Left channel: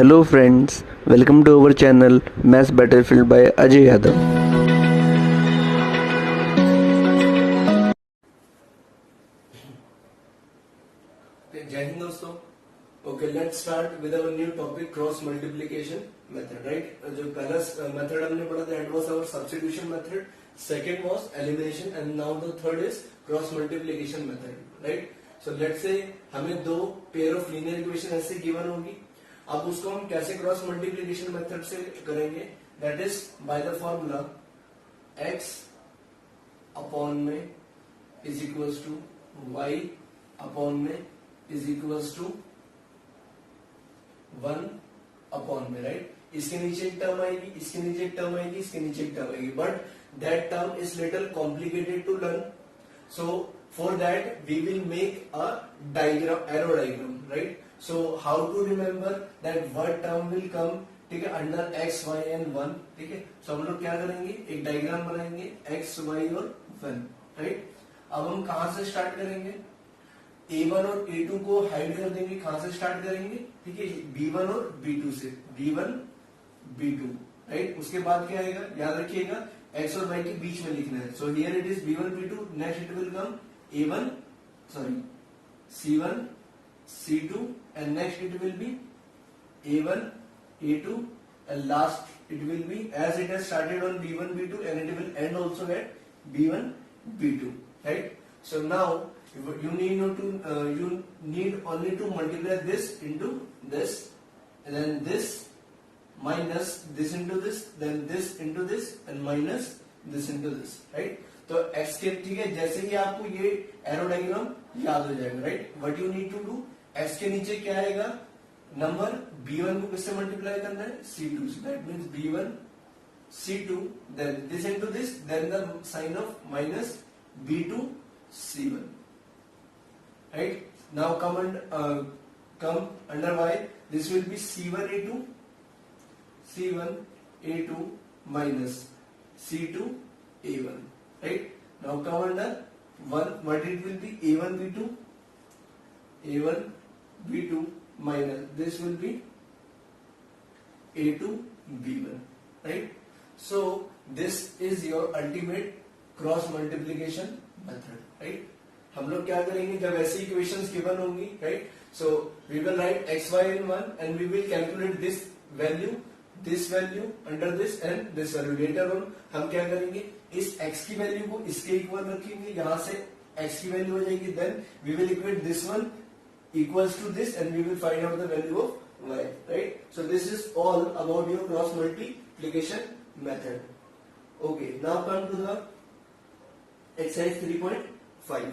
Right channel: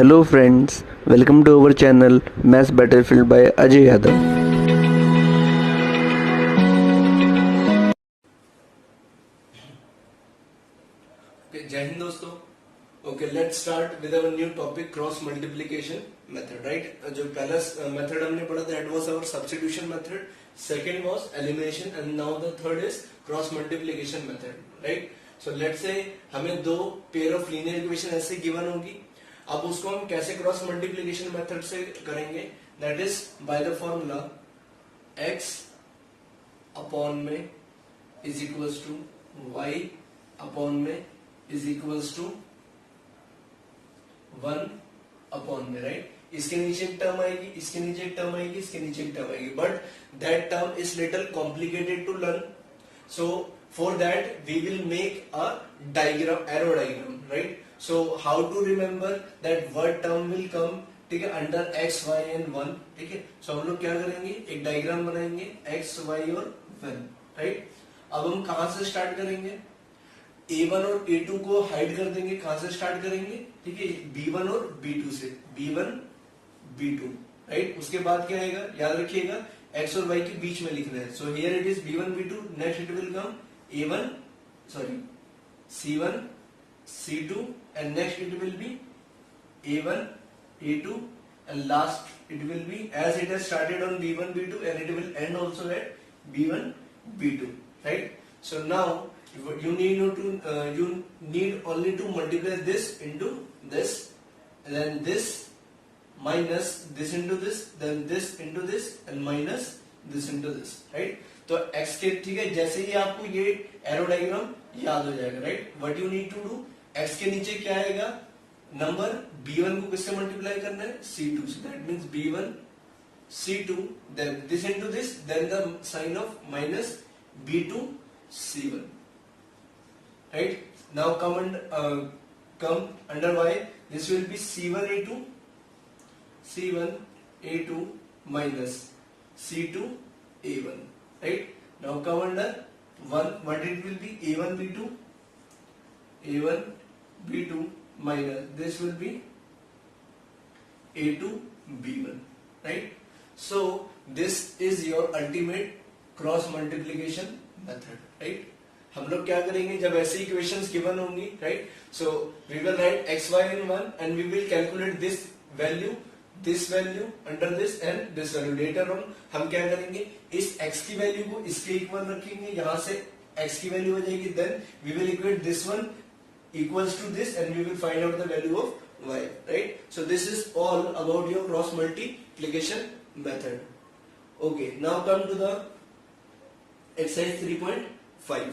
Hello friends, welcome to our channel Maths Battlefield by Ajay Yadav. Okay, जय हिंद दोस्तों. Okay, let's start with our new topic cross multiplication method, right? जो पहला method हमने पढ़ा that was our substitution method, second was elimination and now the third is cross multiplication method, right? So let's say हमें दो pair of linear equation ऐसे given होगी. अब उसको हम कैसे क्रॉस मल्टीप्लीकेशन मेथड से करेंगे? That is by the formula x upon में is equals to y upon में इज इक्वल्स टू 1 अपॉन में, राइट? इसके नीचे एक टर्म आएगी, इसके नीचे एक टर्म आएगी, इसके नीचे एक टर्म आएगी, but that term is little complicated to learn. So for that we will make a diagram, arrow diagram, right? So how to remember that what term will come, ठीक है, under x, y and 1, ठीक है. So हम लोग क्या करेंगे, एक diagram बनाएंगे x, y और 1, राइट? अब हम कहां से स्टार्ट करेंगे? a1 और a2 को हाइड कर देंगे. कहां से स्टार्ट करेंगे? ठीक है, b1 और b2 से, b1 b2, राइट? उसके बाद क्या आएगा, याद रखिएगा x और y के बीच में लिखना है. So here it is b1 b2, next it will come a1 sorry c1 C2 and next it will be A1, A2 and last it will be as it has started on B1, B2 and it will end also at B1, B2, right? So now you need only to multiply this into this and then this minus this into this, then this into this and minus this into this, right? तो x के, ठीक है, जैसे ही आपको ये arrow diagram याद हो जाएगा, right? What you need to do, x के नीचे क्या आएगा, नंबर b1 को किससे मल्टीप्लाई करना है, c2 से. That means b1 c2 then this into this, then the sign of minus b2 c1, right? Now come under y, this will be c1 a2 minus c2 a1, right? Now come under 1, what it will be, a1 b2 minus this will be a2 b1, right? So this is your ultimate cross multiplication method, right? हम लोग क्या करेंगे, जब ऐसी equations given होंगी, right? So we will write x y in 1 and we will calculate this value under this and this value. later on हम क्या करेंगे, इस x की वैल्यू को इसके इक्वल रखेंगे, यहां से x की वैल्यू हो जाएगी, then we will equate this one equals to this and we will find out the value of y, right? So this is all about your cross multiplication method. Okay, now come to the exercise 3.5.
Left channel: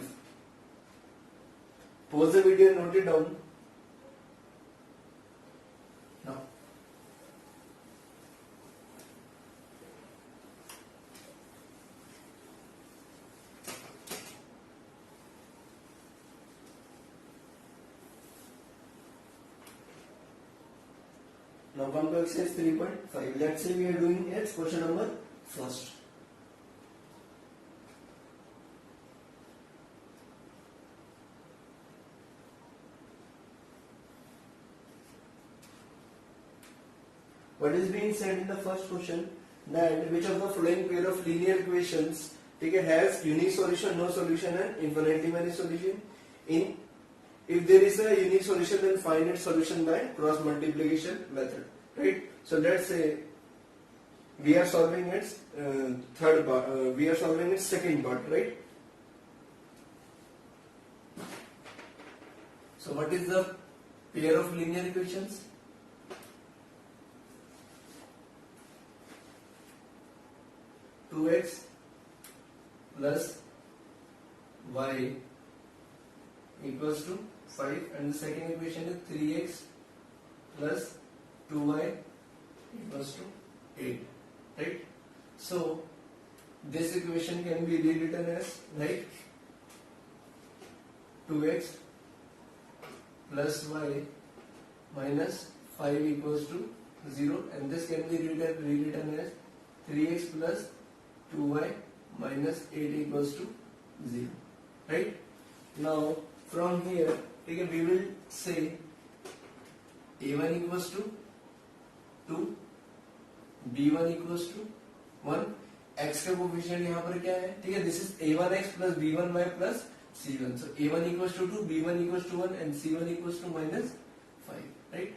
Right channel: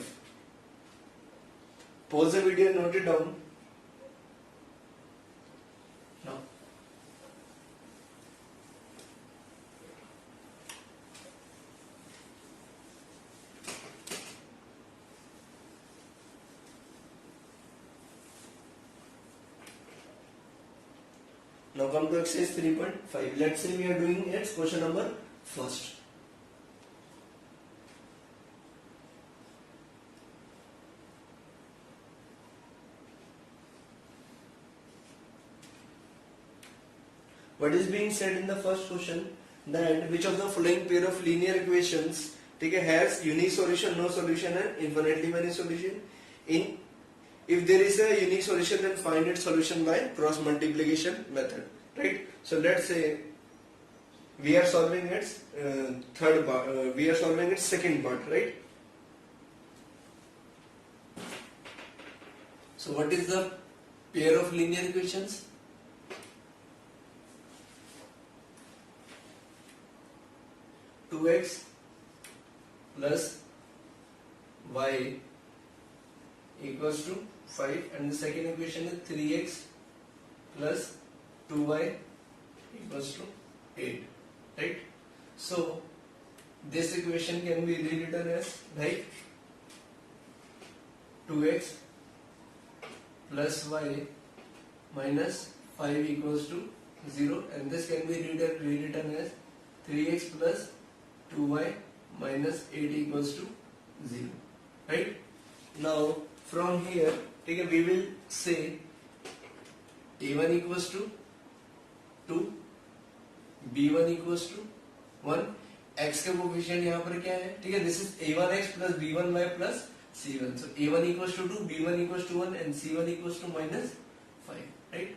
pause the video and note it down now. Now come to exercise 3.5. Let's say we are doing its question number first. What is being said in the first question, that which of the following pair of linear equations, ठीक है, has unique solution, no solution and infinitely many solution? If there is a unique solution, then find its solution by cross multiplication method, right? So let's say we are solving its third part, we are solving its second part, right? So what is the pair of linear equations? Two x plus y equals to 5 and the second equation is 3x plus 2y equals to 8, right? So this equation can be rewritten as like 2x plus y minus 5 equals to 0 and this can be rewritten as 3x plus 2y minus 8 equals to 0, right? Now from here, okay, we will say a1 equals to 2, b1 equals to 1, x का coefficient यहाँ पर क्या है, ठीक है, this is a1x plus b1y plus c1, so a1 equals to 2, b1 equals to 1 and c1 equals to -5, right,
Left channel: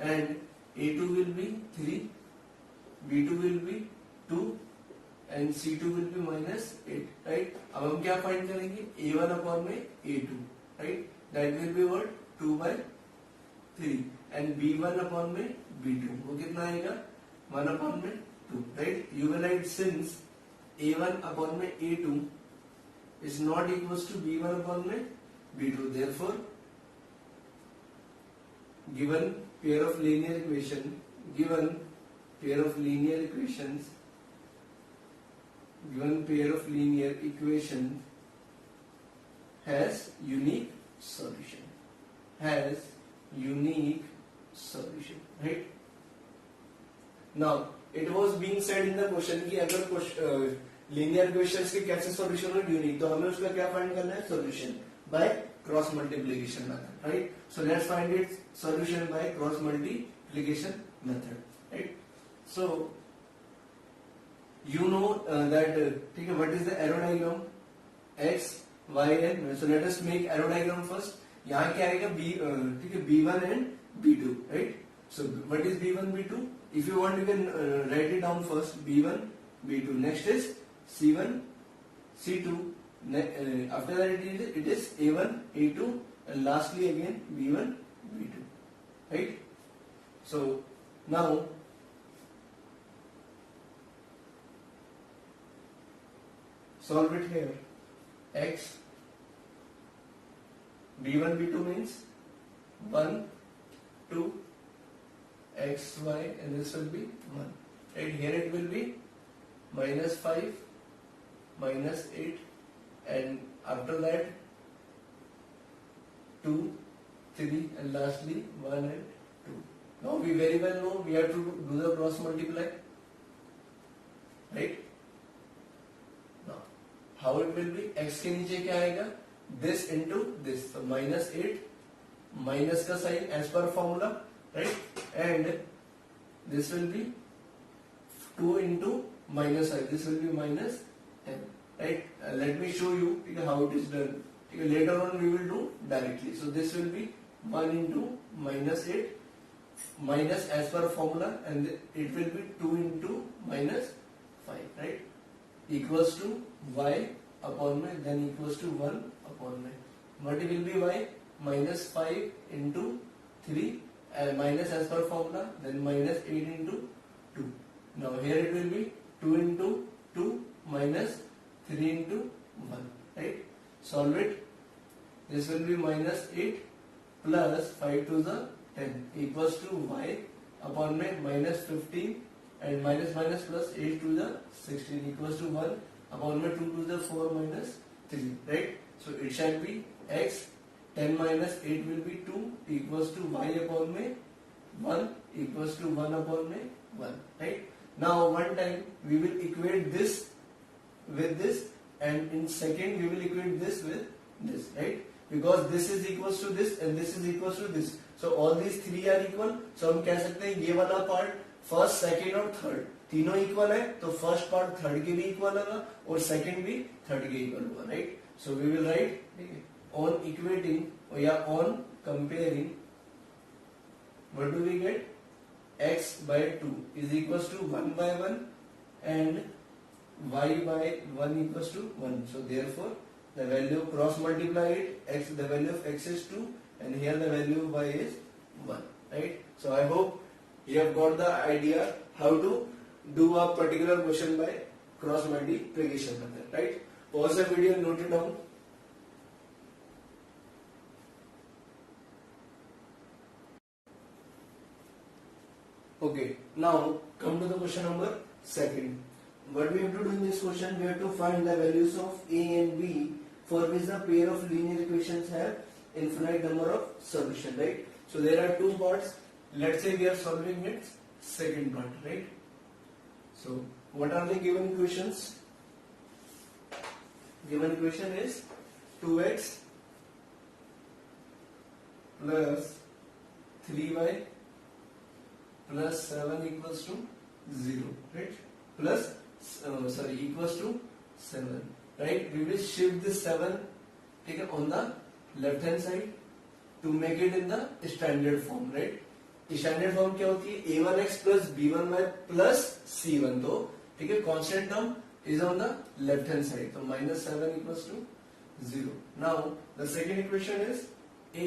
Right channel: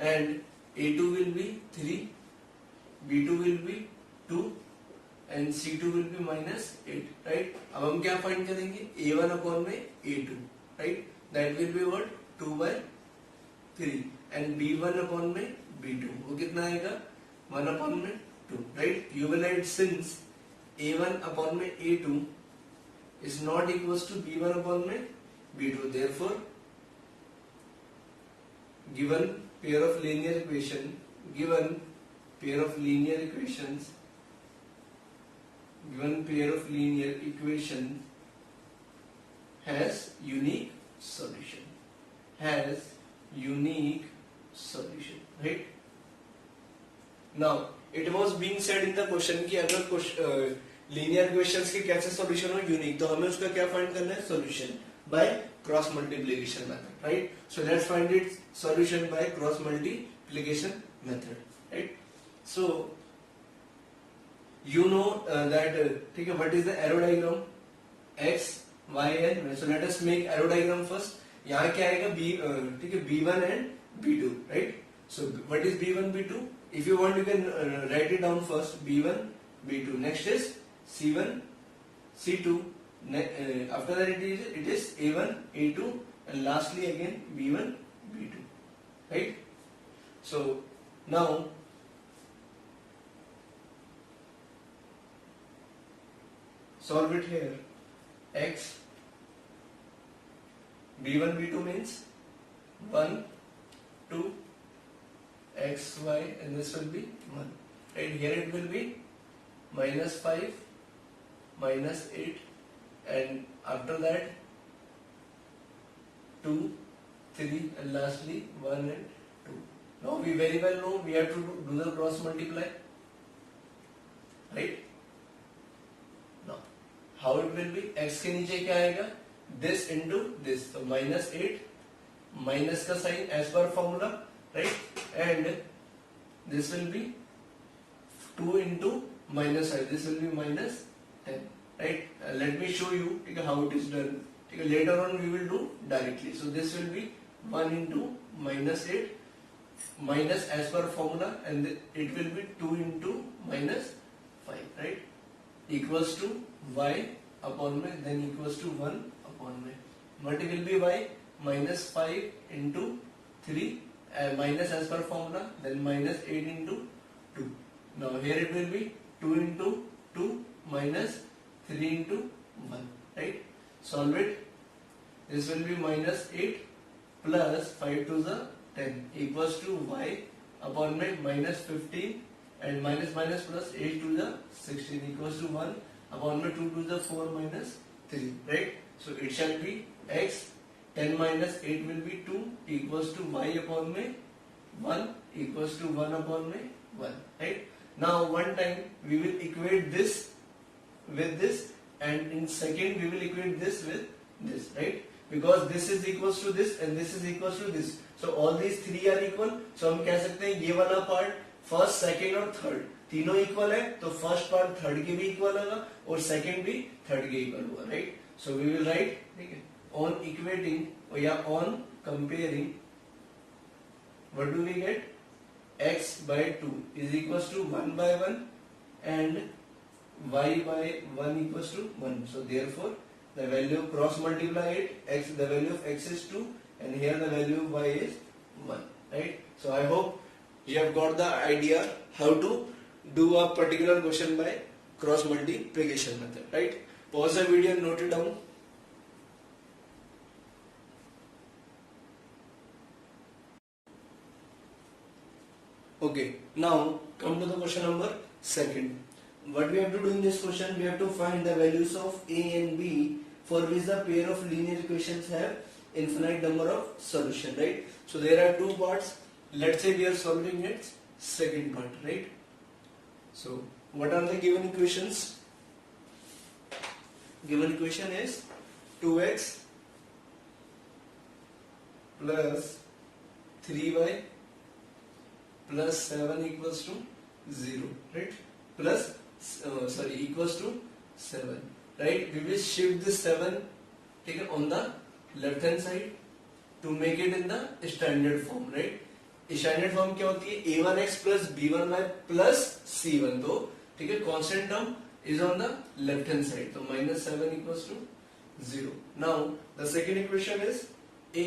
and a2 will be 3, b2 will be 2 and c2 will be -8, right. अब हम क्या find करेंगे, a1 upon में a2, right, that will be what 2/3 and b1 upon में b2, वो कितना आएगा 1 upon में 2, right. You will write since a1 upon में a2 is not equals to b1 upon में b2, therefore given pair of linear equation, given pair of linear equations, given pair of linear equation has unique solution, has unique solution, right. Now it was being said in the question कि अगर linear equations के कैसे solution हो unique, तो हमें उसका क्या find करना है, solution by cross multiplication method, right. So let's find it solution by cross multiplication method, right. So you know that ठीक है, what is the arrow diagram, x y and, so let us make arrow diagram first. यहाँ क्या आएगा b, ठीक है, b1 and b2, right. So what is b1 b2, if you want you can write it down first, b1 b2, next is c1 c2, after that it is a1 a2 and lastly again b1 b2, right. So now solve it here. X b1 b2 means 1 2 x y and this will be 1, right. Here it will be -5 -8 and after that 2 3 and lastly 1 and 2. Now we very well know we have to do the cross multiply, right. How it will be, x के नीचे क्या आएगा, this into this, so -8 minus का sign as पर formula, right, and this will be 2 into -5, this will be -10, right. Let me show you how it is done. Later on we will do directly. So this will be 1 into -8 minus as per formula, and it will be 2 into -5, right, equals to y upon में, then equals to 1 upon में. What will be y? -5 into 3 minus as per formula, then -8 into 2. Now here it will be 2 into 2 minus 3 into 1, right. Solve it. This will be -8 plus 5 to the 10 equals to y upon में -15 and minus plus 8 to the 16 equals to 1 upon में 2 to the 4 minus 3, right. So it shall be x 10 minus 8 will be 2 equals to y upon में 1 equals to 1 upon में 1, right. Now one time we will equate this with this, and in second we will equate this with this, right, because this is equals to this and this is equals to this. So all these three are equal. So हम कह सकते हैं ये वाला part first second और third तीनों equal है, तो फर्स्ट पार्ट थर्ड के भी इक्वल होगा और सेकेंड भी थर्ड के इक्वल होगा, right. So we will write, ठीक है, ऑन इक्वेटिंग या on comparing, what do we get, x by 2 is equals to 1 by 1 and y by 1 equals to 1. So therefore the value cross multiply it, x, the value of x is 2 and here the value of y is 1, right. So I hope you have got the idea how to do a particular question by cross multiplication method, right. Pause the video and note it down. Okay, now come to the question number second. What we have to do in this question, we have to find the values of a and b for which the pair of linear equations have infinite number of solution, right. So there are two parts. Let's say we are solving its second part, right. So what are the given equations? Given equation is 2x plus 3y plus 7 equals to 0, right? Plus equals to 7, right? We will shift this 7, okay, on the left hand side to make it in the standard form, right? Standard form क्या होती है, a1x plus b1y plus c1, तो ठीक है, constant term is on the left hand side, तो -7 equals to 0. Now the second equation is a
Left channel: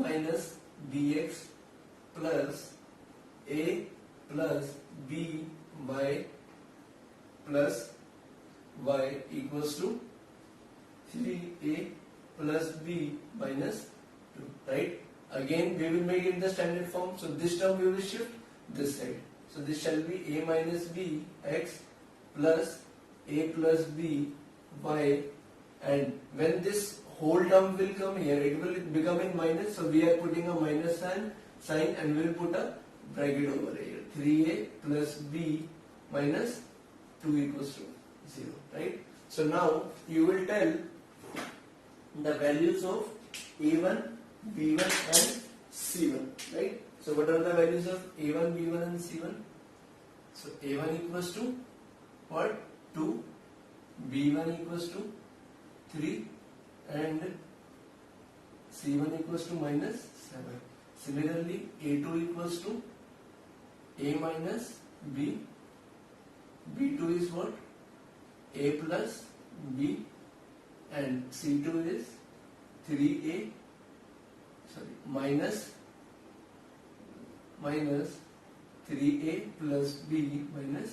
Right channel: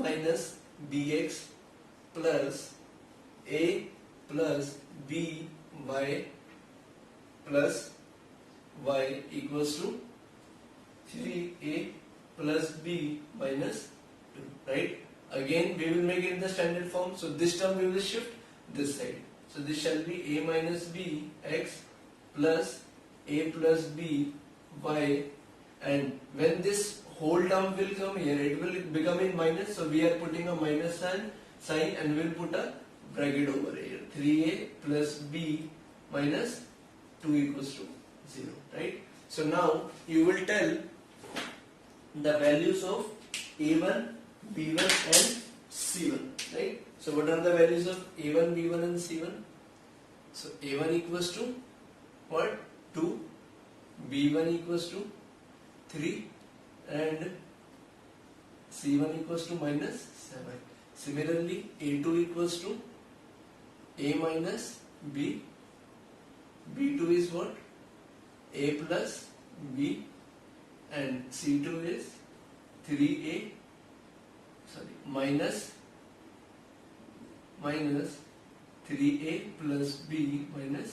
minus bx plus a plus by plus y equals to 3a plus b minus 2, right? Again we will make it in the standard form, so this term we will shift this side, so this shall be a minus b x plus a plus b y, and when this whole term will come here, it will become in minus, so we are putting a minus sign and we will put a bracket over here, 3a plus b minus 2 equals to 0, right? So now you will tell the values of a1, b1 and c1, right? So what are the values of a1, b1 and c1? So a1 equals to what? 2, b1 equals to 3 and c1 equals to -7. Similarly a2 equals to a minus b, b2 is what? A plus b, and c2 is 3a minus 3a plus b minus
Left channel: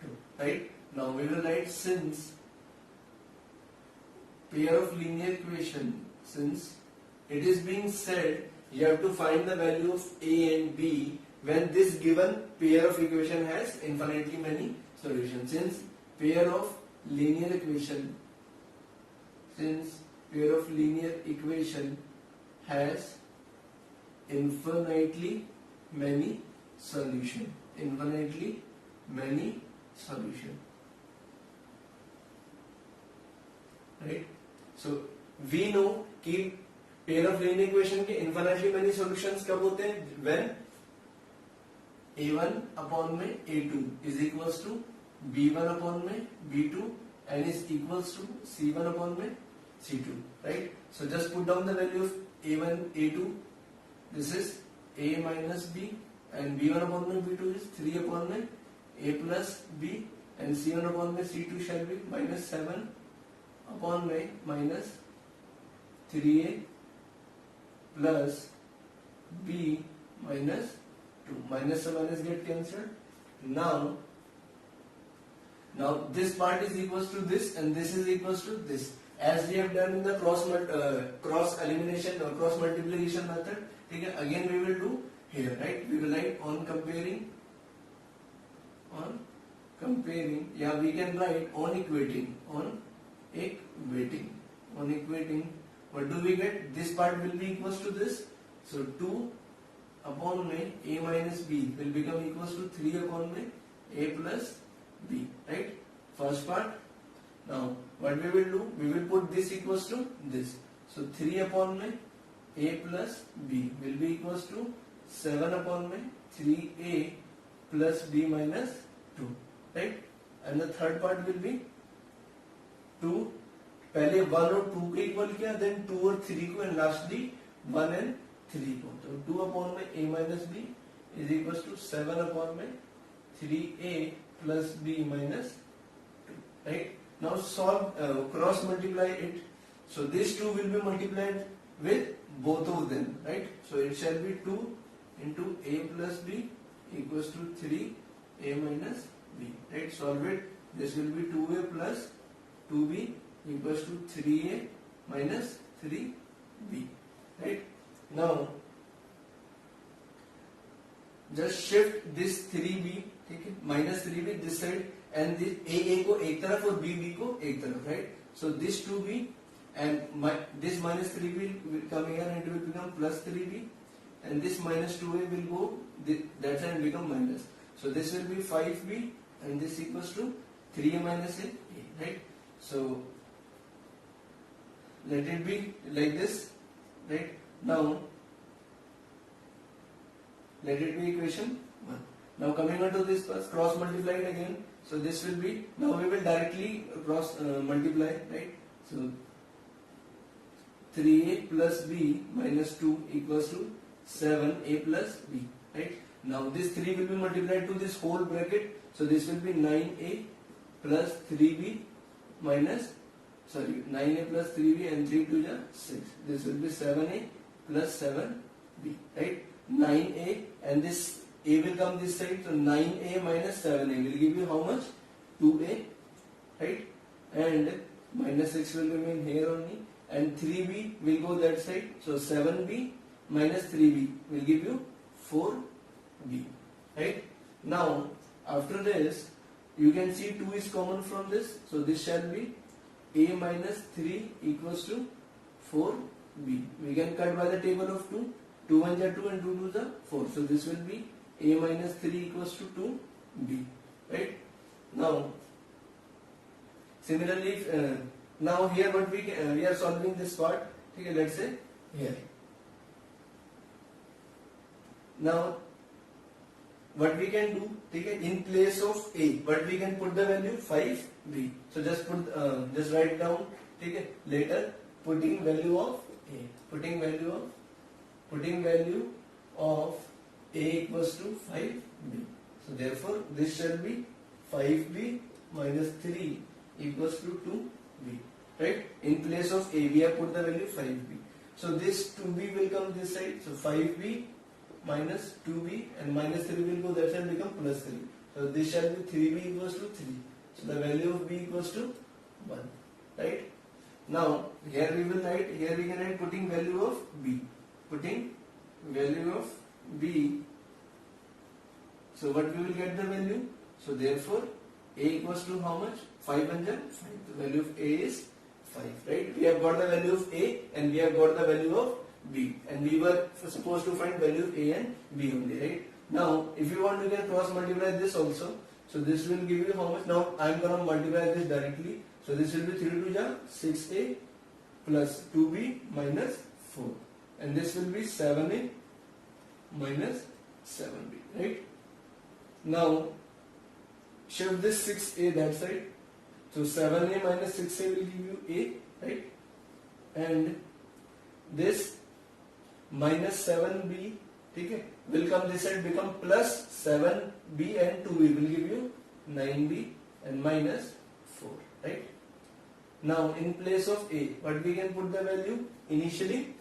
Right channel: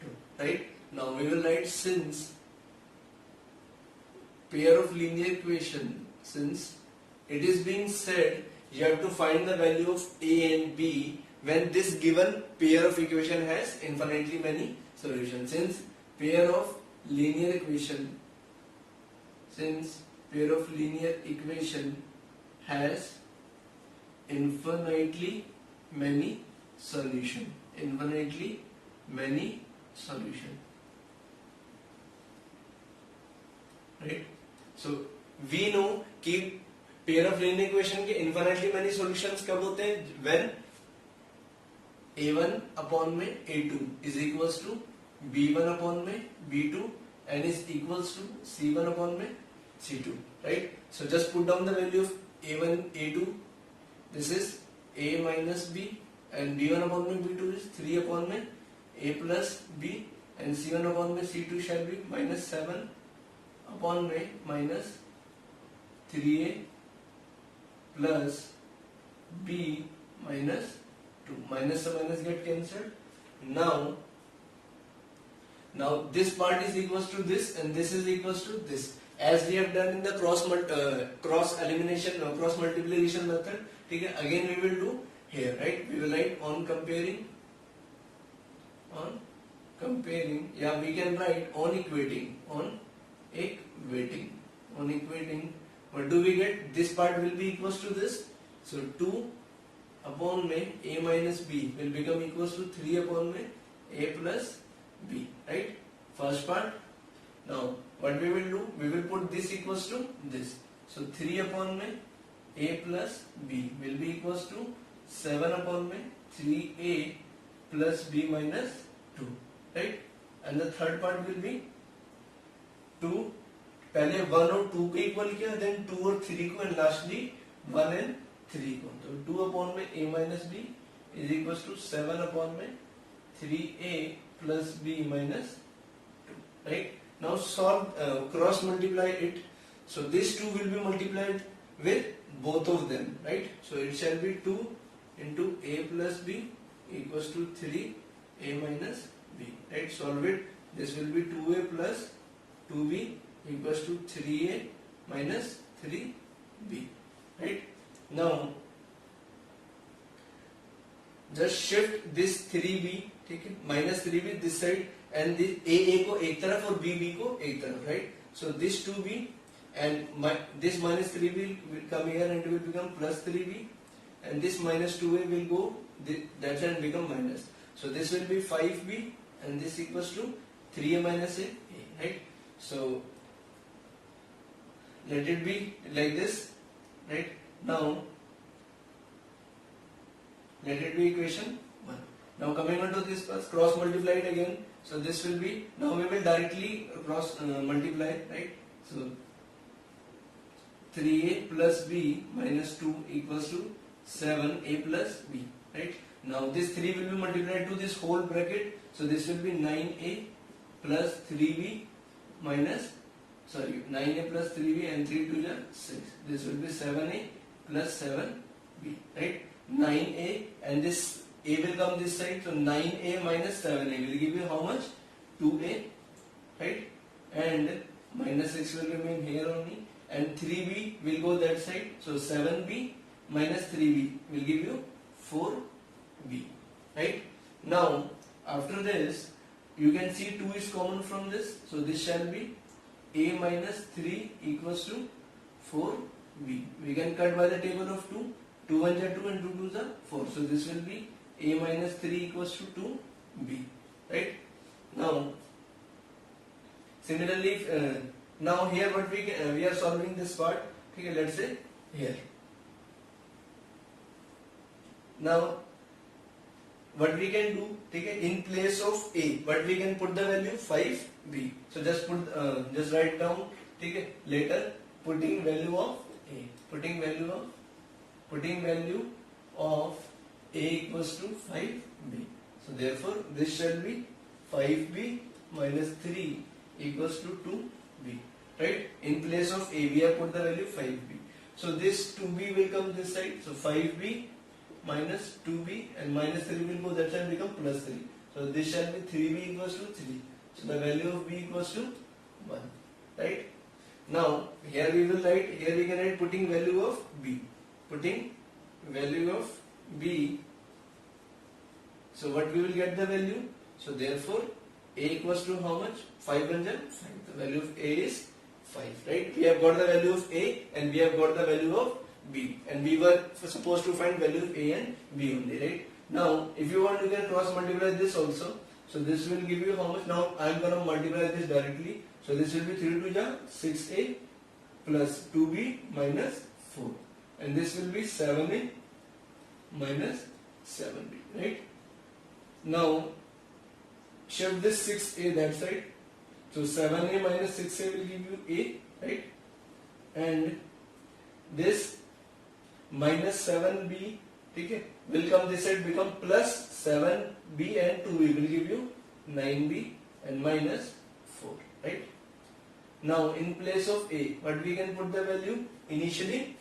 2, right? Now we will write, since pair of linear equation, since it is being said you have to find the value of a and b when this given pair of equation has infinitely many solutions. Since pair of linear equation has infinitely many solution, right? So we know कि pair of linear equation के infinitely many solutions कब होते हैं, when a1 upon में a2 is equals to b1 upon में b2 and is equals to c1 upon में c2, right? So just put down the value of a1, a2, this is a minus b, and b1 upon में b2 is 3 upon में a plus b, and c1 upon में c2 shall be -7 upon में minus 3a plus b minus 2. Minus से minus get cancelled. Now this part is equals to this and this is equals to this, as we have done in the cross elimination or cross multiplication method. ठीक है, again we will do here, right? We will write on comparing, yeah, we can write on equating. What do we get? This part will be equals to this, so 2 upon में a minus b will become equals to 3 upon में a plus b, right? First part. Now what we will do, we will put this equals to this, so 3 upon में a plus b will be equals to 7 upon में 3a plus b minus 2, right? And the third part will be 2, पहले 1 और 2 को equal किया, then 2 और 3 को, and lastly 1 and 3 को, तो 2 upon में a minus b is equals to 7 upon में 3a plus b minus 2, right? Now solve, cross multiply it, so these two will be multiplied with both of them, right? So it shall be 2 into a plus b equals to 3a minus b, right? Solve it, this will be 2a plus 2b equals to 3a minus 3b, right? Now just shift this 3b, ठीक है, minus 3b this side, and this a को एक तरफ और b को एक तरफ, right? So this 2b and this minus 3b will come here and it will become plus 3b, and this minus 2a will go that side and become minus, so this will be 5b and this equals to 3a minus a, right? So let it be like this, right? Now let it be equation 1. Now coming on to this part, cross multiply it again. So this will be, now we will directly cross multiply, right? So 3a plus b minus 2 equals to 7a plus b, right? Now this 3 will be multiplied to this whole bracket. So this will be 9a plus 3b minus, 9a plus 3b and 3 to the 6. This will be 7a plus 7b, right? 9a and this a will come this side. So 9a minus 7a will give you how much? 2a, right? And minus 6 will remain here only. And 3b will go that side. So 7b minus 3b will give you 4b, right? Now after this you can see 2 is common from this. So this shall be a minus 3 equals to 4b. We can cut by the table of 2. 2 1 are 2 and 2 2 are 4. So this will be a minus 3 equals to 2b, right? Now similarly, now here what we are solving this part. Okay, let's say here. Now what we can do, okay, in place of a, what we can put the value 5b. So just write down, okay, later putting value of a, putting value of a equals to 5b. So therefore this shall be 5b minus 3 equals to 2b, right? In place of a we have put the value 5b. So this 2b will come this side. So 5b minus 2b and minus 3 will go that side, become plus 3. So this shall be 3b equals to 3. So the value of b equals to 1, right? Now here we will write, here we can write putting value of b, putting value of b. So what we will get the value? So therefore a equals to how much? 5 and 5. The value of a is 5, right? We have got the value of a and we have got the value of b, and we were supposed to find value of a and b only, right? Now if you want, you can cross multiply this also. So this will give you how much? Now I am going to multiply this directly. So this will be 3 to the 6a plus 2b minus 4, and this will be 7a minus 7b, right? Now shift this 6a that side. So 7a minus 6a will give you a, right? And this minus 7b, okay, will come this side, become plus 7b and 2b will give you 9b and minus 4, right? Now in place of a, what we can put the value? Initially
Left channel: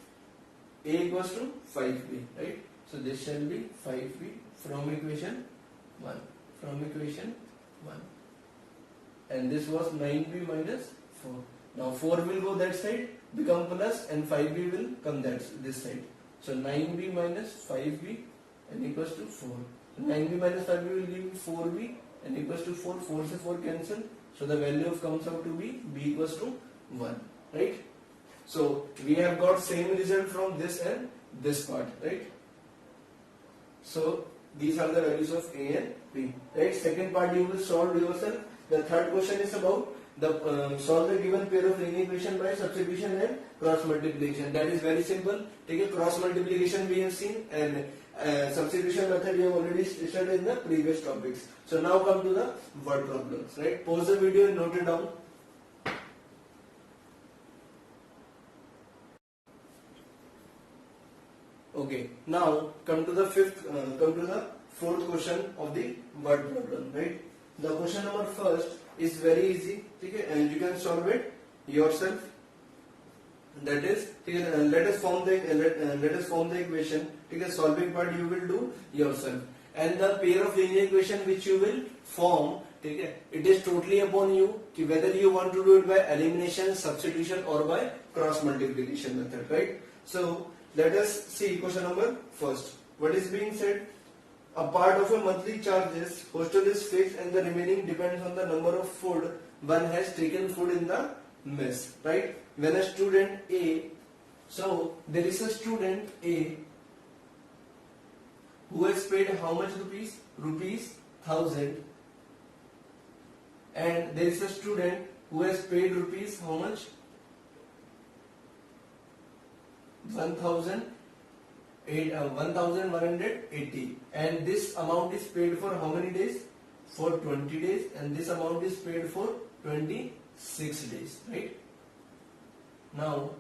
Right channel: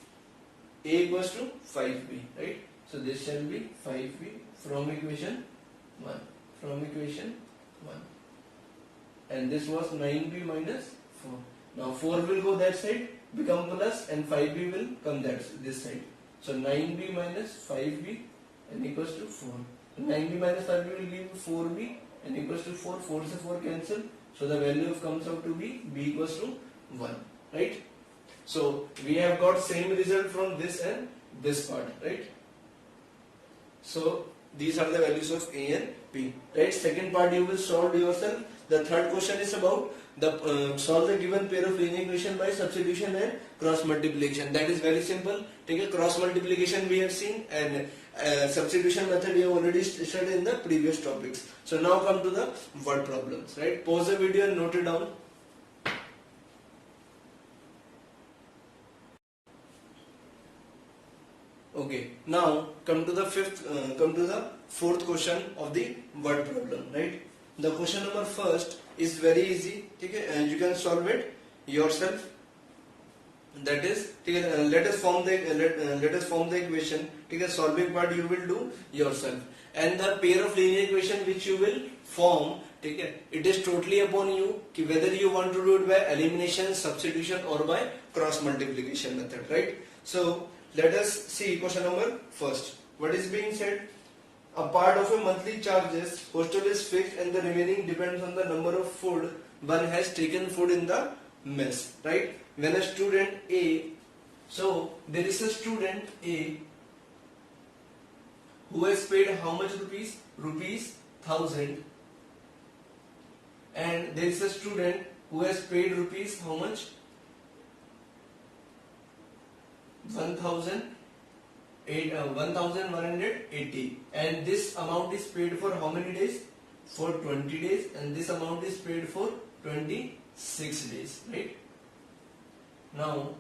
a equals to 5b, right? So this shall be 5b from equation 1, and this was 9b minus 4. Now 4 will go that side, become plus, and 5b will come this side. So 9b minus 5b and equals to 4. 9b minus 5b will give you 4b and equals to 4. 4 से 4 cancel. So the value of comes out to be b equals to 1, right? So we have got same result from this and this part, right? So these are the values of a and b, right? Second part you will solve yourself. The third question is about the solve the given pair of linear equation by substitution and cross multiplication. That is very simple. Take a cross multiplication we have seen, and substitution method we have already studied in the previous topics. So now come to the word problems, right? Pause the video and note it down. Okay, now come to the fourth question of the word problem, right? The question number first is very easy, okay, and you can solve it yourself. That is, let us form the equation. Okay, solving part you will do yourself, and the pair of linear equation which you will form, okay, it is totally upon you whether you want to do it by elimination, substitution, or by cross multiplication method, right? So let us see question number first. What is being said? A part of a monthly charges, hostel is fixed and the remaining depends on the number of food one has taken food in the mess, right? When a student A, so there is a student A who has paid how much rupees? Rupees 1000. And there is a student who has paid rupees how much? 1000. 1180, and this amount is paid for how many days? For 20 days, and this amount is paid for 26 days, right? Now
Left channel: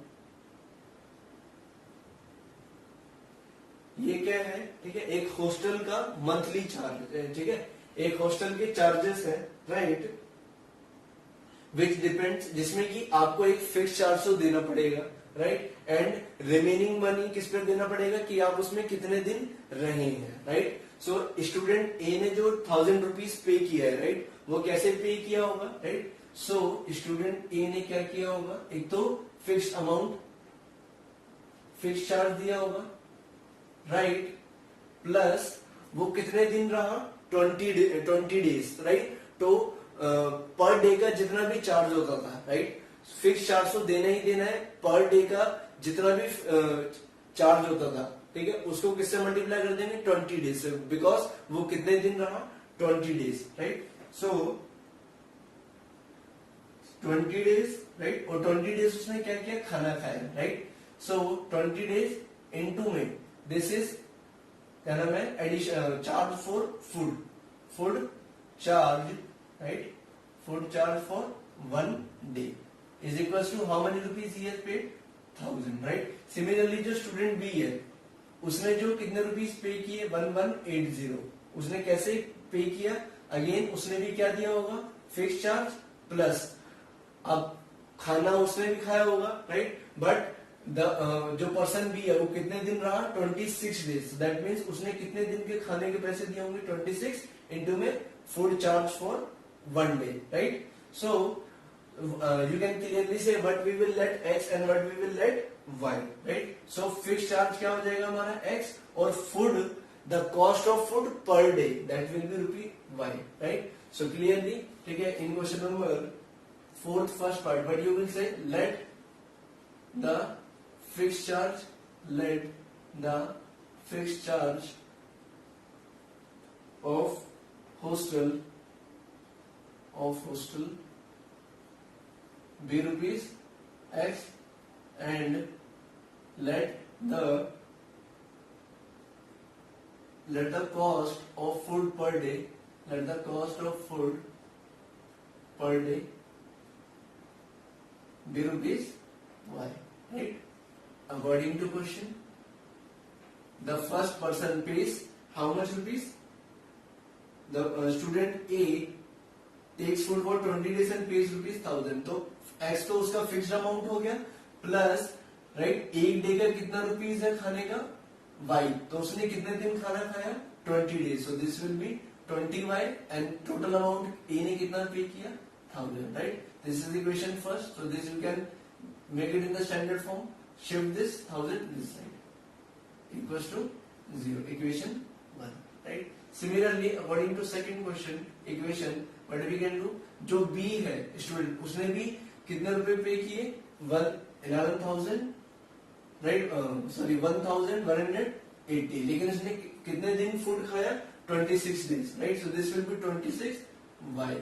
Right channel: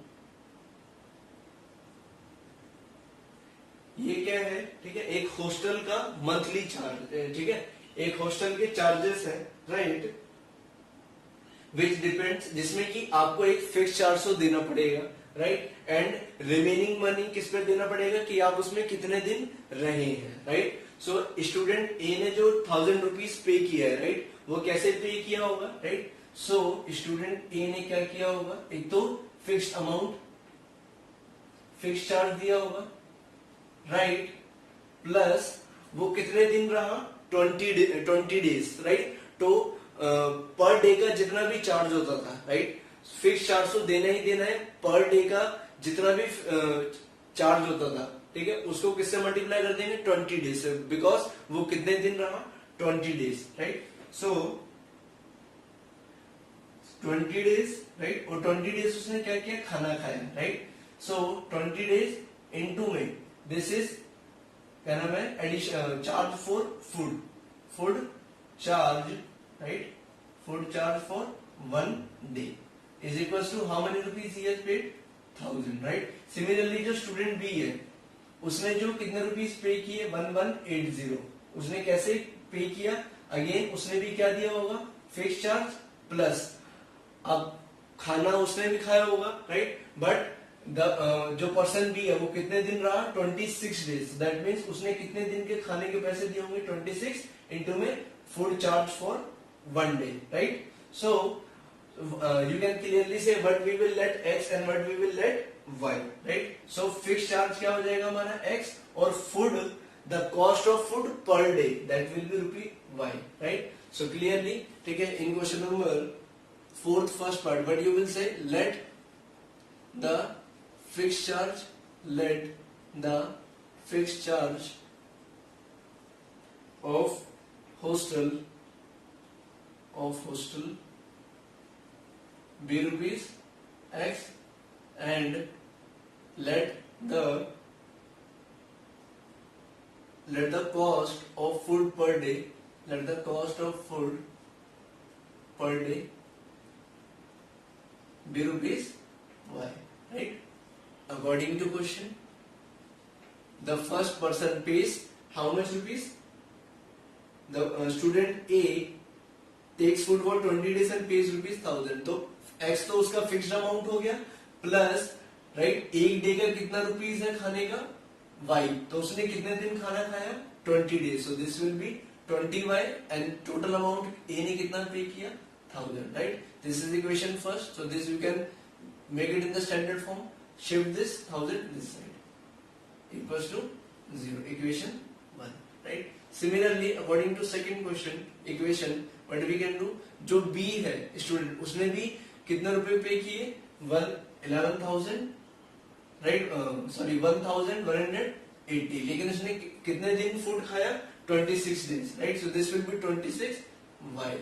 ये क्या है? ठीक है, एक hostel का monthly charge, ठीक है, एक हॉस्टल के चार्जेस है, राइट, विच डिपेंड्स, जिसमें कि आपको एक फिक्स चार्ज तो देना पड़ेगा, राइट, एंड रिमेनिंग मनी किस पे देना पड़ेगा कि आप उसमें कितने दिन रहे हैं, राइट। सो स्टूडेंट ए ने जो 1000 रुपीज पे किया है, राइट, वो कैसे पे किया होगा, राइट। सो स्टूडेंट ए ने क्या किया होगा, एक तो फिक्स अमाउंट, फिक्स चार्ज दिया होगा, राइट, प्लस वो कितने दिन रहा, 20 डेज, राइट। तो पर डे का जितना भी चार्ज होता था, राइट, फिक्स चार्ज तो देना ही देना है, पर डे का जितना भी चार्ज होता था, ठीक है, उसको किससे मल्टीप्लाई कर देंगे, 20 डेज से, बिकॉज वो कितने दिन रहा, 20 days, right. So 20 days, right, और 20 डेज उसने क्या किया, खाना खाया, राइट। सो 20 डेज इनटू में दिस इज क्या नाम है, addition charge for food, food charge, right, food charge for 1 day is equal to how many rupees he has paid, 1000, right. Similarly जो स्टूडेंट बी है, उसने जो कितने रुपीज पे किए, 1180, उसने कैसे पे किया, अगेन उसने भी क्या दिया होगा, फिक्स चार्ज प्लस, अब खाना उसने भी खाया होगा, राइट, बट जो पर्सन भी है वो कितने दिन रहा, 26 डेज, दैट मीन्स उसने कितने दिन के खाने के पैसे दिए होंगे, 26 इंटू में food charge for 1 day, right. So you can clearly say what we will let x and what we will let y, right? So fixed charge क्या हो जाएगा हमारा x, और food, the cost of food per day, that will be rupee y, right? So clearly, ठीक है, in question number 4th first part, but you will say let the fixed charge, let the fixed charge of hostel be rupees x, and let the cost of food per day, let the cost of food per day be rupees y, right? According to question, the first person pays how much rupees? The student A takes food for 20 days and pays rupees 1000, तो x तो उसका fixed amount हो गया, plus, right, एक day का कितना rupees है खाने का, y, तो उसने कितने दिन खाना खाया, 20 days, so this will be 20y, and total amount A ने कितना पे किया, 1000, right. This is equation first, so this you can make it in the standard form, shift this 1000 this side equals to 0, equation 1, right. Similarly according to second question equation, what we can do, जो B है student, उसने भी कितने रुपए पे किए, 11,000, right, sorry 1180, लेकिन उसने कितने दिन फूड खाया, 26 days, right. So this will B 26y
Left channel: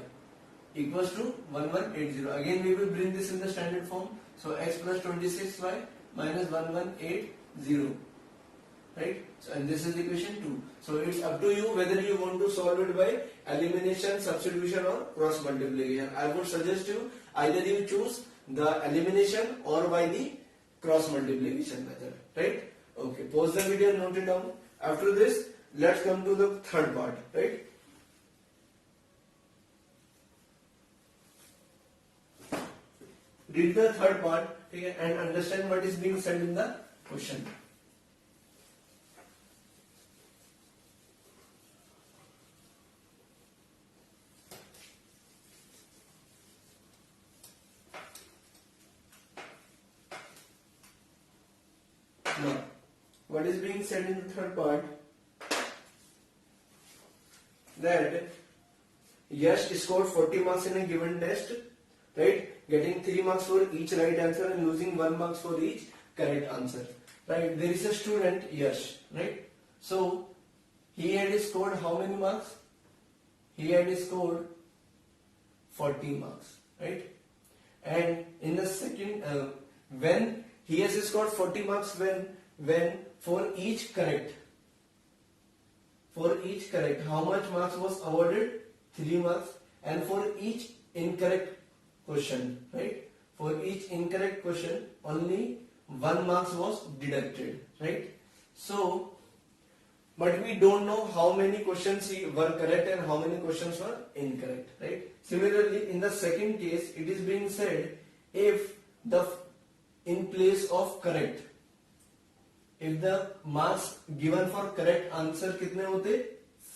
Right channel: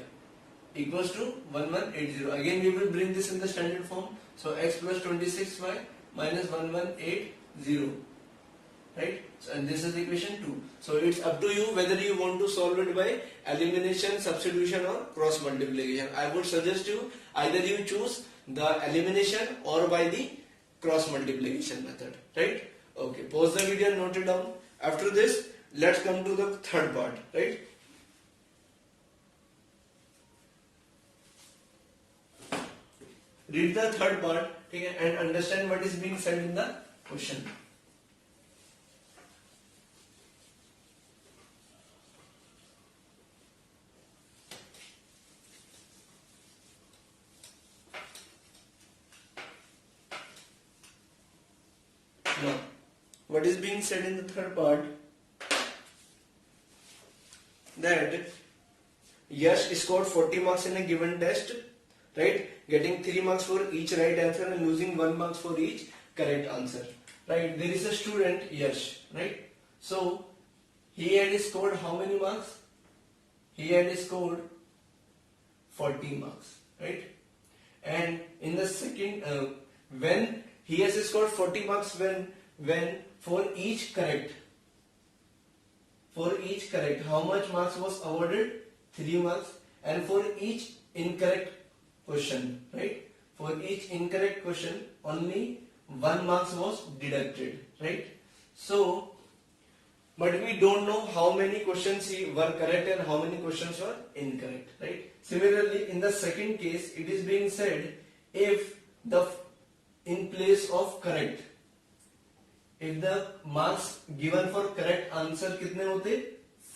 equals to 1180. Again we will bring this in the standard form, so x plus 26y minus 1180, right? So, and this is equation 2. So it's up to you whether you want to solve it by elimination, substitution or cross multiplication. I would suggest you either you choose the elimination or by the cross multiplication method, right? Okay, pause the video and note it down. After this, let's come to the third part, right? Read the third part, okay, and understand what is being said in the question. Now, what is being said in the third part? That Yash scored 40 marks in a given test, right? Getting 3 marks for each right answer and losing 1 marks for each correct answer, right? There is a student Yash, right? So he had scored how many marks? He had scored 40 marks, right? And in the second, when he has scored 40 marks, when for each correct, how much marks was awarded? 3 marks. And for each incorrect question, right? For each incorrect question, only 1 marks was deducted, right? So, but we don't know how many questions were correct and how many questions were incorrect, right? Similarly, in the second case, it is being said if the in place of correct, if the marks given for correct answer कितने होते?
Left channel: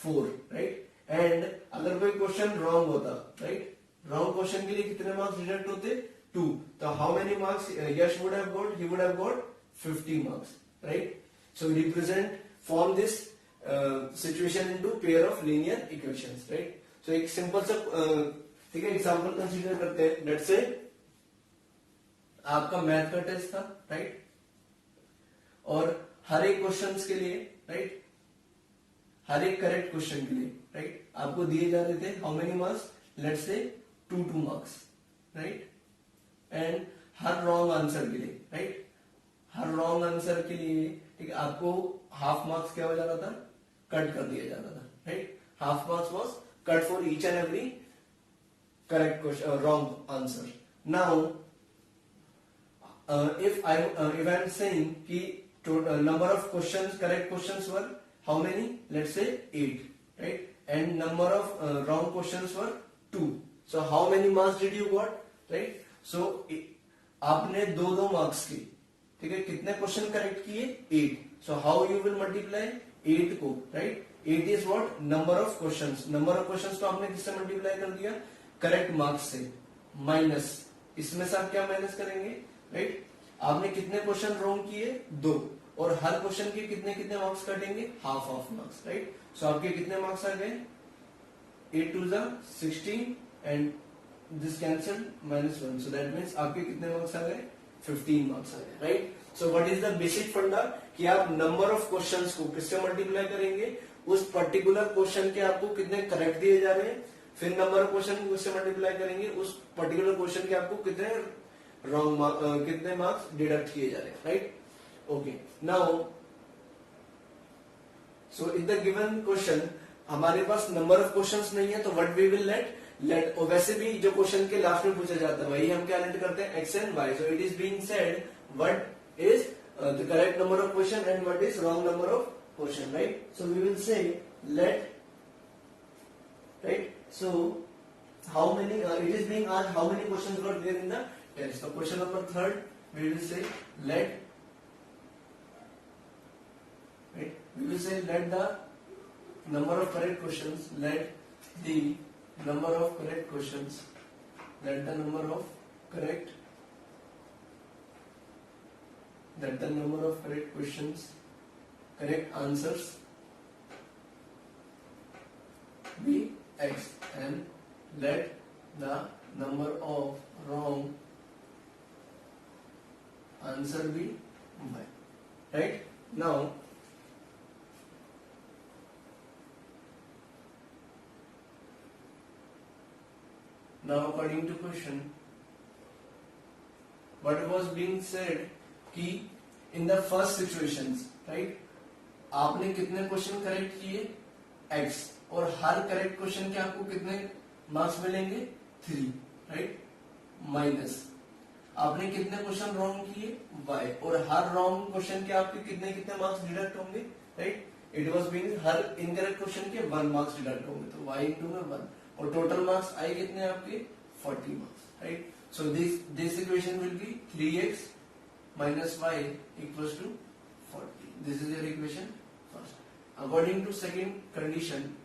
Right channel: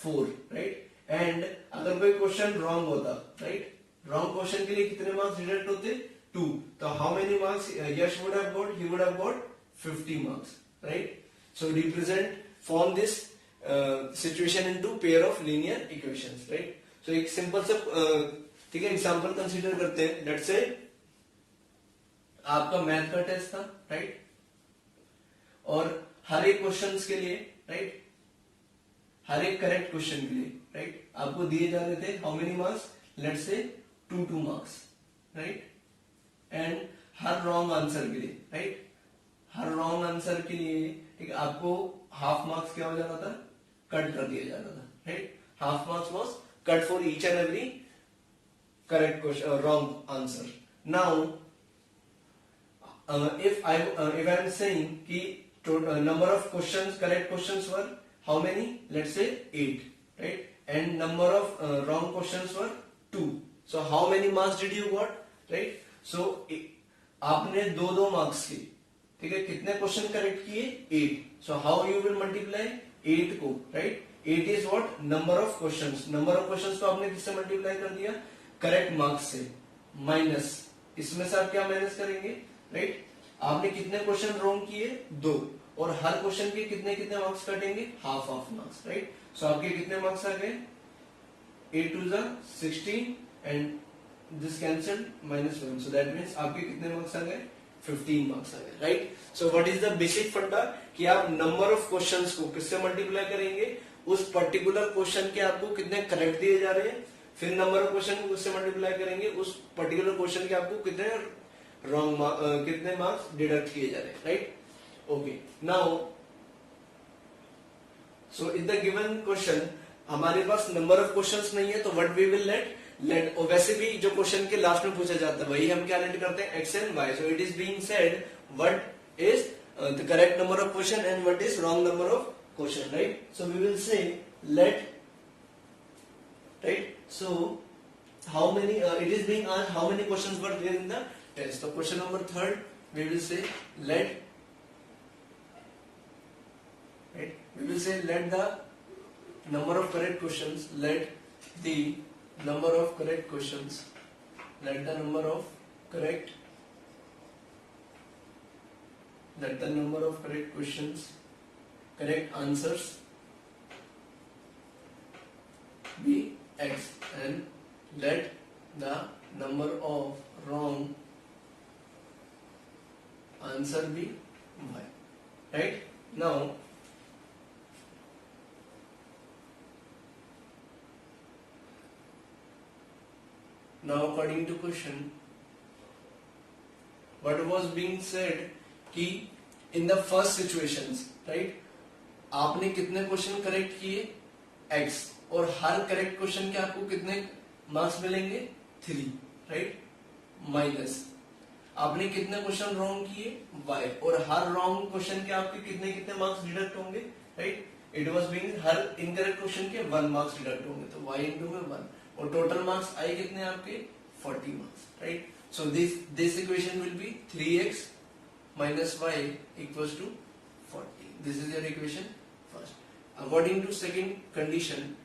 4, right? And अगर कोई question wrong होता, right? Wrong question के लिए कितने marks deduct होते? 2. तो how many marks Yash would have got? He would have got 50 marks, right? So form this situation into pair of linear equations, right? So एक simple सा ठीक है एग्जांपल कंसीडर करते हैं. लेट्स से आपका math का टेस्ट था, right? और हर एक क्वेश्चंस के लिए, राइट, हर एक करेक्ट क्वेश्चन के लिए, राइट, आपको दिए जा रहे थे how many marks? Let's say 2 marks, right? And her wrong answer के लिए, राइट, हर रॉन्ग आंसर के लिए ठीक आपको हाफ मार्क्स क्या हो जाता था? कट कर दिया जाता था, right? Half marks was cut for each and every correct question wrong answer. Now if I am saying कि number of questions, correct questions were how many? Let's say 8, right? And number of wrong questions were 2. So how many marks did you got? Right? So आपने 2 marks की, ठीक है, कितने question correct किए? 8. So how you will multiply 8 को, right? 8 is what? Number of questions. Number of questions को आपने किससे मल्टीप्लाई कर दिया? करेक्ट मार्क्स से, माइनस इसमें से आप क्या माइनस करेंगे? राइट, आपने कितने क्वेश्चन रॉन्ग किए? 2. और हर क्वेश्चन के कितने कितने मार्क्स कटेंगे? Half of marks, right? So आपके कितने मार्क्स आ गए? 8 2 16 and this cancelled -1. So that means आपके कितने मार्क्स आ गए? 15 मार्क्स आ गए, right? So what is the basic funda कि आप नंबर ऑफ क्वेश्चंस को किससे मल्टीप्लाई करेंगे? उस पर्टिकुलर क्वेश्चन के आपको कितने करेक्ट दिए जा रहे हैं, फिर नंबर ऑफ क्वेश्चन को किससे मल्टीप्लाई करेंगे? उस पर्टिकुलर क्वेश्चन के आपको कितने रॉन्ग कितने मार्क्स डिडक्ट किए जा रहे हैं, right? Okay, now so in the given question हमारे पास नंबर ऑफ क्वेश्चंस नहीं है, तो व्हाट वी विल लेट और वैसे भी जो क्वेश्चन के लास्ट में पूछा जाता है वही हम क्या लेट करते हैं? X and y. So it is being said what is the correct number of question and what is wrong number of question, right? So we will say let, right? So how many it is being asked how many questions were there in the test. So question number 3 we will say let, right, we will say let the number of correct questions, let the number of correct questions, let the number of correct, let the number of correct questions, correct answers be x and let the number of wrong answer be y, right? Now according to question what was being said कि in the first situations, right, आपने कितने question correct किए? x. और हर correct question के आपको कितने marks मिलेंगे? 3, right, minus आपने कितने क्वेश्चन रॉन्ग किए? y. और हर रॉन्ग क्वेश्चन के आपके कितने कितने मार्क्स डिडक्ट होंगे? Right, it was being her incorrect question के 1 मार्क्स डिडक्ट होंगे, तो y इंटू में 1 और टोटल मार्क्स आए कितने आपके? 40 marks, right? So this equation will be 3x minus y equals to 40. This is your equation first. According to second condition,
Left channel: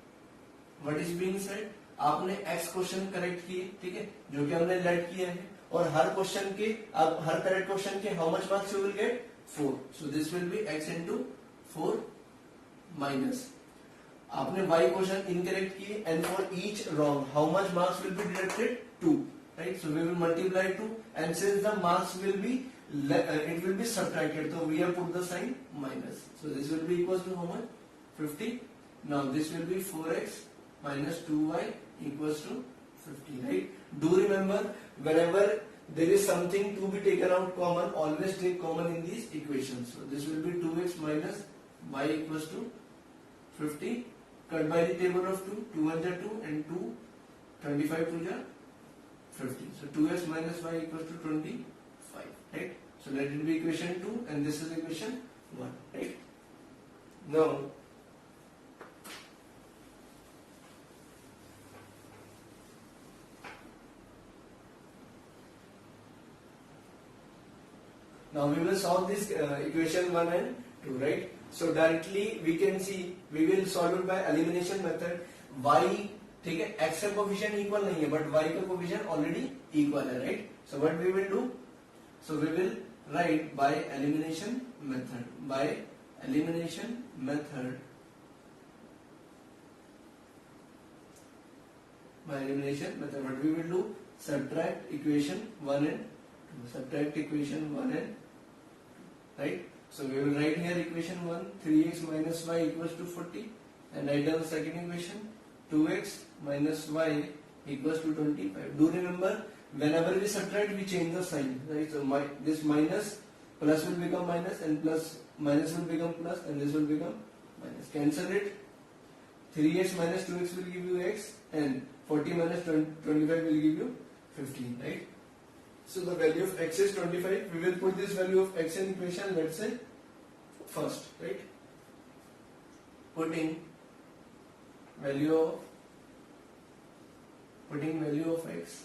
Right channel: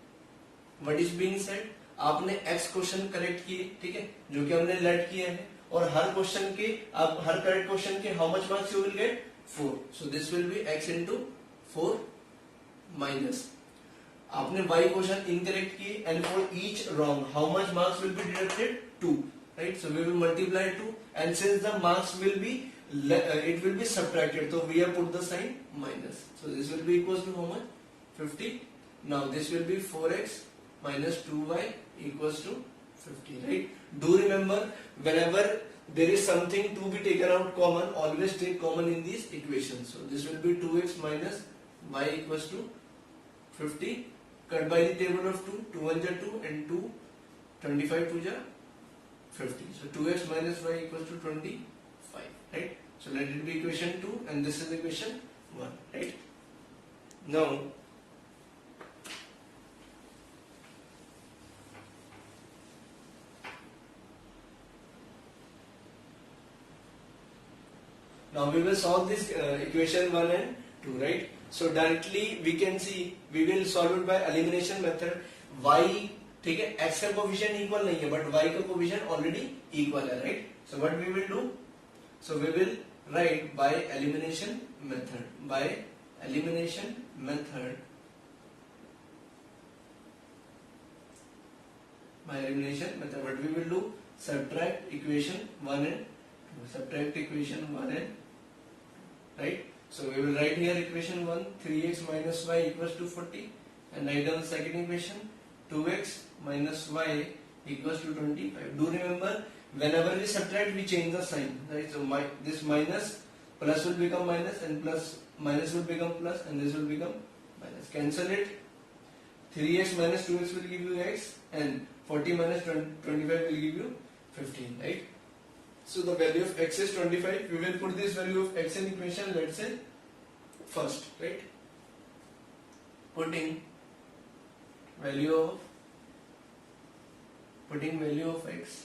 what is being said? आपने x question correct किए, ठीक है, जो कि हमने लेट किए हैं, और हर क्वेश्चन के आप हर करेक्ट क्वेश्चन के how much marks you will get? 4. So this will B x into 4 minus आपने y क्वेश्चन इनकरेक्ट किए and for each wrong how much marks will be deducted? 2, right? So we will multiply 2 and since the marks will be it will be subtracted, so we have put the sign minus. So this will be equals to how much? 50. Now this will be 4x minus 2y equals to 50, right? Do remember whenever there is something to be taken out common, always take common in these equations. So this will be 2x minus y equals to 50. Cut by the table of 2, 2 1 are 2 and 2, 25 2 are 50. So 2x minus y equals to 25, right? So let it be equation 2 and this is equation 1, right? Now we will solve this equation 1 and 2, right? So directly we can see we will solve it by elimination method. Y ठीक है, x का coefficient equal नहीं है but y का coefficient already equal है, right? So what we will do, so we will write by elimination method, by elimination method, what we will do, subtract equation 1 and 2, subtract equation 1 and 2, right? So we will write here equation 1, 3x minus y equals to 40, and write down second equation, 2x minus y equals to 25. Do remember, whenever we subtract we change the sign, right? So this minus plus will become minus and plus minus will become plus and this will become minus. Cancel it. 3x minus 2x will give you x and 40 minus 25 will give you 15, right? So the value of x is 25. We will put this value of x in equation, let's say first, right? Putting value of x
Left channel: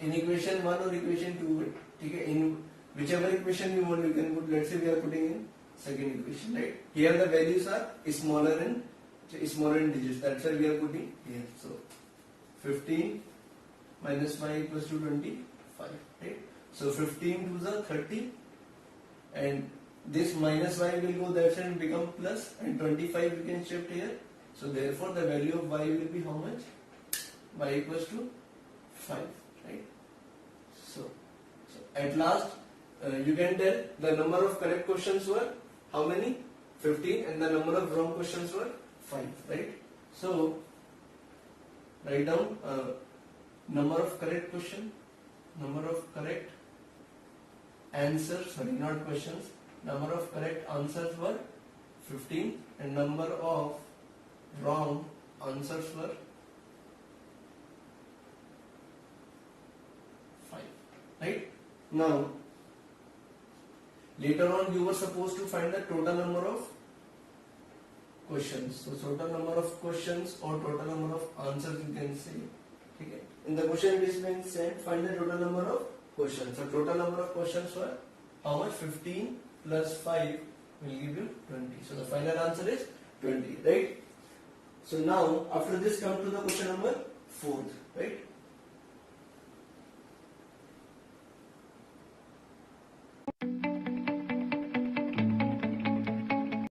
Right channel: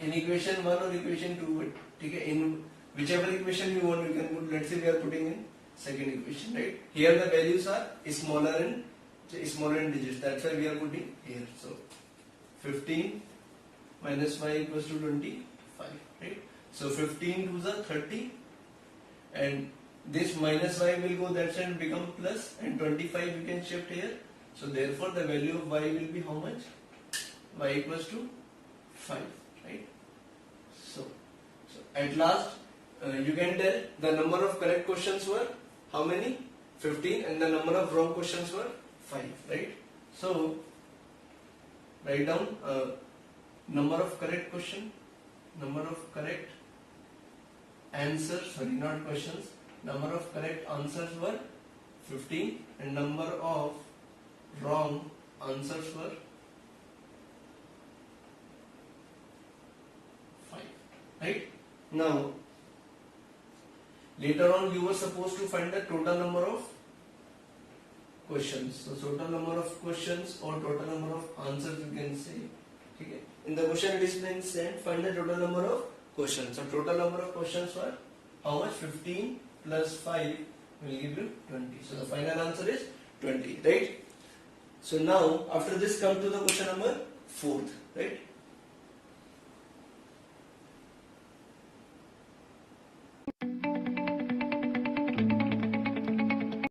in equation 1 or equation 2, okay? In whichever equation you want, we can put. Let's say we are putting in second equation, right? Here the values are smaller in digits. That's why we are putting here. So 15 minus y equals to 25, right? So 15 to the 30, and this minus y will go that side and become plus, and 25 we can shift here. So therefore the value of y will be how much? Y equals to 5, right? So at last you can tell the number of correct questions were how many? 15, and the number of wrong questions were 5, right? So write down number of correct question, number of correct answers, sorry, not questions, number of correct answers were 15 and number of wrong answers were 5, right? Now later on you were supposed to find the total number of questions. So total number of questions or total number of answers you can say. Okay. In the question it is been said find the total number of questions. So total number of questions were how much? 15 plus 5 will give you 20. So the final answer is 20, right? So now after this come to the question number 4, right?